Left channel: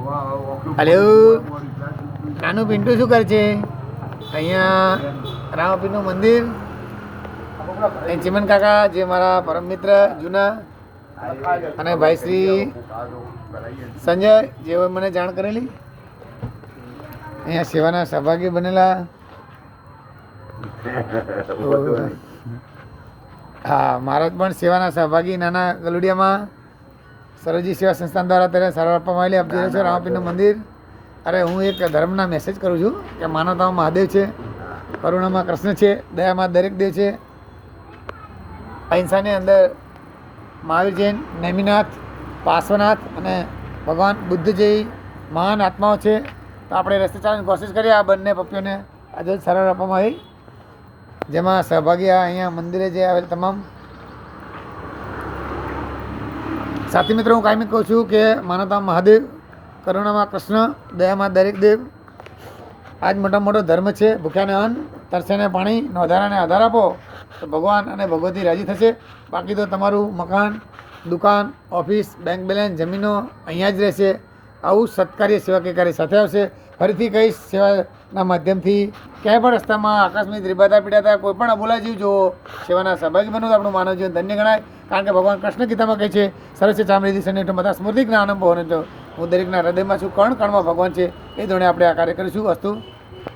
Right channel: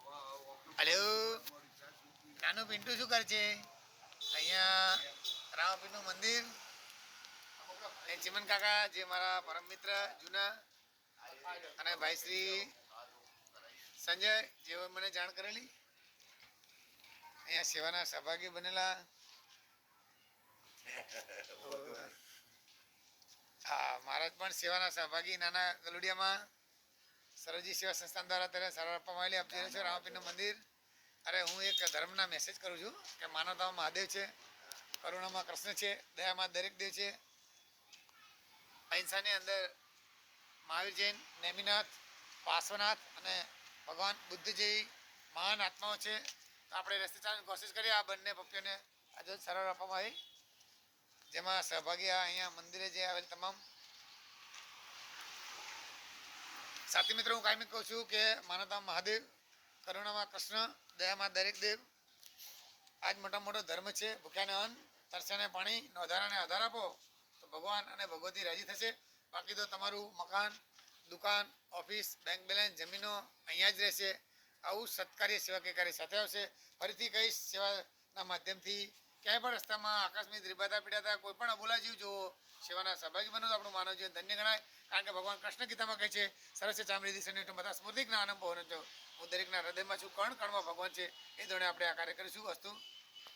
Hello, નાનું પિન્ટુ શું કરે છે? અહીંયા રામપીરનું મંદિર. ચિમન કાકા જે મારા પરમ મિત્ર જૂના અને ભાઈ શ્રી સંજય જેઓ મને જાણ કરેલી અહીંયા સેવાના સહભાગી બનેલા. હા, મહારાજ પણ સેવાના સહભાગી નાના ગલુડિયામાં સરોજી સેવા સંસ્થાન દ્વારા અત્યારે સારવાર આપવામાં આવેલી. આપ જોઈ રહ્યા છો રામપીરનું મંદિર. અરે હું એક ધર્મના મેસેજ કરું છું કે માનવતામાં મહાદેવ છે, કરુણામાં કૃષ્ણ છે, દયામાં દરેક દેવ છે, અહિંસાની અંદર મહાવીર જૈન, નેમિનાથ, પાર્શ્વનાથ અને ભગવાન બુદ્ધ જેવી મહાન આત્માઓ છે. તો આપણે રસ્તે ચાલવાની કોશિશ કરીએ. આ બંને પપ્પીઓને આજે સારવાર આપવામાં આવી, જેમાં સહભાગી અહીંયા મંદિરે જે આવેલ તમામ સાથી મિત્રો. હું કાયમી કહું છું કે માનવતામાં મહાદેવ, કરુણામાં કૃષ્ણ, દયામાં દરેક દેવ આ જ મોટો ધર્મ છે. ભૂખ્યાને અન્ન, તરસ્યાને પાણી, નોંધારાને આધાર આપો તો ભગવાન અને ભગવતી રાજી થશે. બાકી તો તમારું મકાન, દુકાન, ઓફિસ, બેંક બેલેન્સ, જમીનો અહીંયા જ રહેશે. આવું સત્કાર્ય સેવાકીય કાર્ય સાથે આવશે. ફરીથી કહીશ, સેવાના માધ્યમથી ક્યાંય પણ રસ્તામાં આકસ્મિક રીબાતા પીડાતા કોઈ પણ અબોલા જીવ જોવો, સેવાના સહભાગી બનો તો આપણું માનવ જીવન ધન્ય ગણાય. કારણ કે ભગવાન કૃષ્ણ ગીતામાં કહે છે, સરસ ચામડીથી સન્નિષ્ઠ બધા સ્મૃતિ જ્ઞાનમ ભવન. હું દરેકના હૃદયમાં છું, કણ કણમાં ભગવાન છે. એ ધોરણે આપણે આ કાર્ય કરીશું. અસ્તુ.